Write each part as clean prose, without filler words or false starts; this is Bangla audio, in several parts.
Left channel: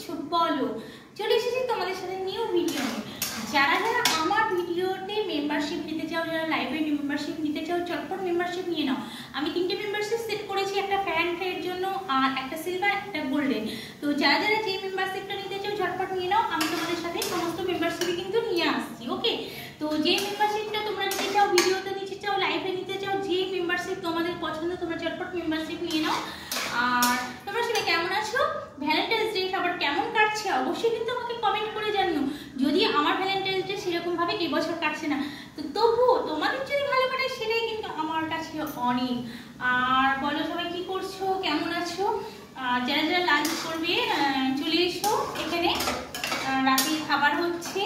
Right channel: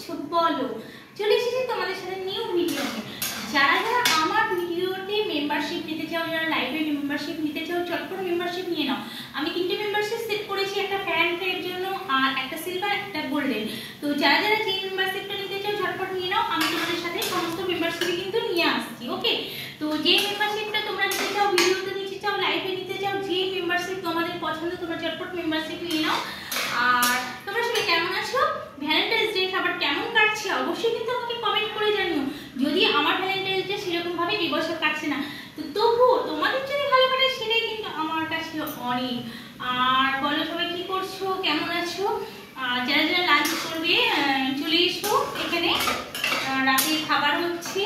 করছো বলো। চলে এসেছি তোমাদের সাথে নিউ ভিডিও নিয়ে। যারা যারা আমার ভিডিওতে মেম্বারশিপ নিতে চাও, যারা লাইভে মেম্বারশিপ নিতে চাও, চটপট মেম্বারশিপ নিয়ে নাও। আমি 3টে মেম্বারশিপ সেট করেছি, একটা ফ্যানের জন্য আর একটা সিলভার, একটা গোল্ডেন। তো যারা যারা যে মেম্বারশিপটা নিতে চাও ঝটপট নিয়ে নাও। আমি তোমাদের সাথে সমস্ত মেম্বারশিপই কিন্তু নিয়ে আসছি। ওকে, তো যে মেম্বারশিপটা তোমরা নিতে চাও, ভিডিওতে নিতে চাও, লাইভে নিতে চাও, যে মেম্বারশিপ তোমাদের পছন্দ তোমরা ঝটপট মেম্বারশিপ নিয়ে নাও। আর তোমরা সবাই কেমন আছো? ভ্যালেন্টাইন্স ডে আবার কেমন কাটছে অবশ্যই কিন্তু আমাকে কমেন্ট করে জানিও। যদি আমার ভ্যালেন্টাইন্স ডে সেরকম ভাবে এবছর কাটছে না, তো তবুও তোমাদের যদি ভালো কাটে সেটাই কিন্তু আমার কাছে অনেক। আর বলো সবাই কি করছো, কেমন আছো? যারা যারা লাঞ্চ করবে চলে এসো এখানে, রাতে খাবার হচ্ছে।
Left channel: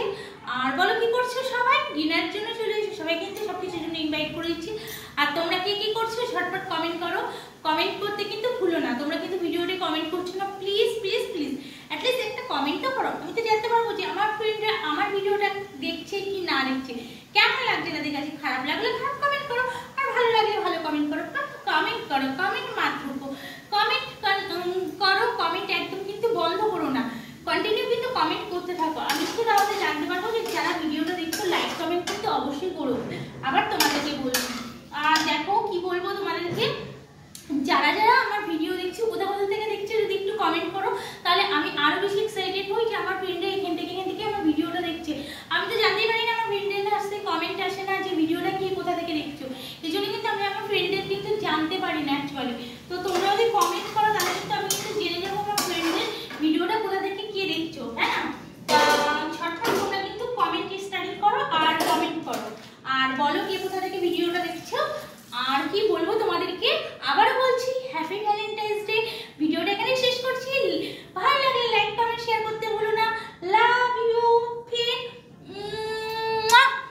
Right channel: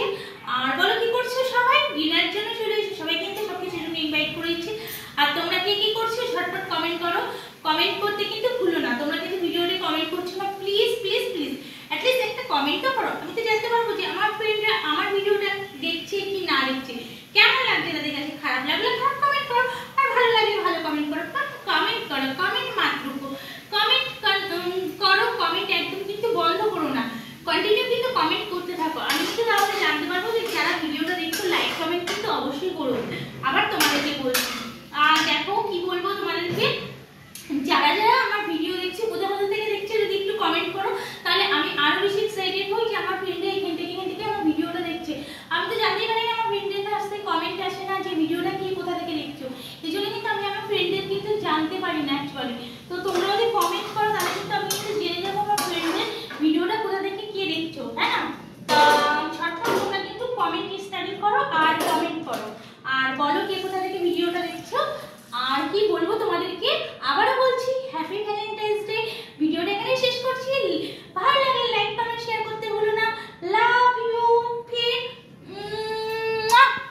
আর বলো কি করছো সবাই, ডিনারের জন্য চলে এসো। সবাই কিন্তু সবকিছুর জন্য ইনভাইট করে দিচ্ছি। আর তোমরা কে কি করছো ঝটপট কমেন্ট করো। কমেন্ট করতে কিন্তু ভুলো না। তোমরা কিন্তু ভিডিওতে কমেন্ট করছো না, প্লিজ প্লিজ প্লিজ অ্যাটলিস্ট একটা কমেন্টও করো। আমি তো জানতে পারবো যে আমার ফ্রেন্ডরা আমার ভিডিওটা দেখছে কি না দেখছে, কেমন লাগছে তাদের কাছে। খারাপ লাগলে খারাপ কমেন্ট করো, আর ভালো লাগলে ভালো কমেন্ট করো। কমেন্ট করো, কমেন্ট মাত্র কমেন্ট করো। কমেন্ট একদম কিন্তু বন্ধ করো না, কন্টিনিউ কিন্তু কমেন্ট করতে থাকো। আমি কিন্তু তাহলে জানতে পারবো যে যারা ভিডিওটা দেখছো লাইক কমেন্ট কিন্তু অবশ্যই করো।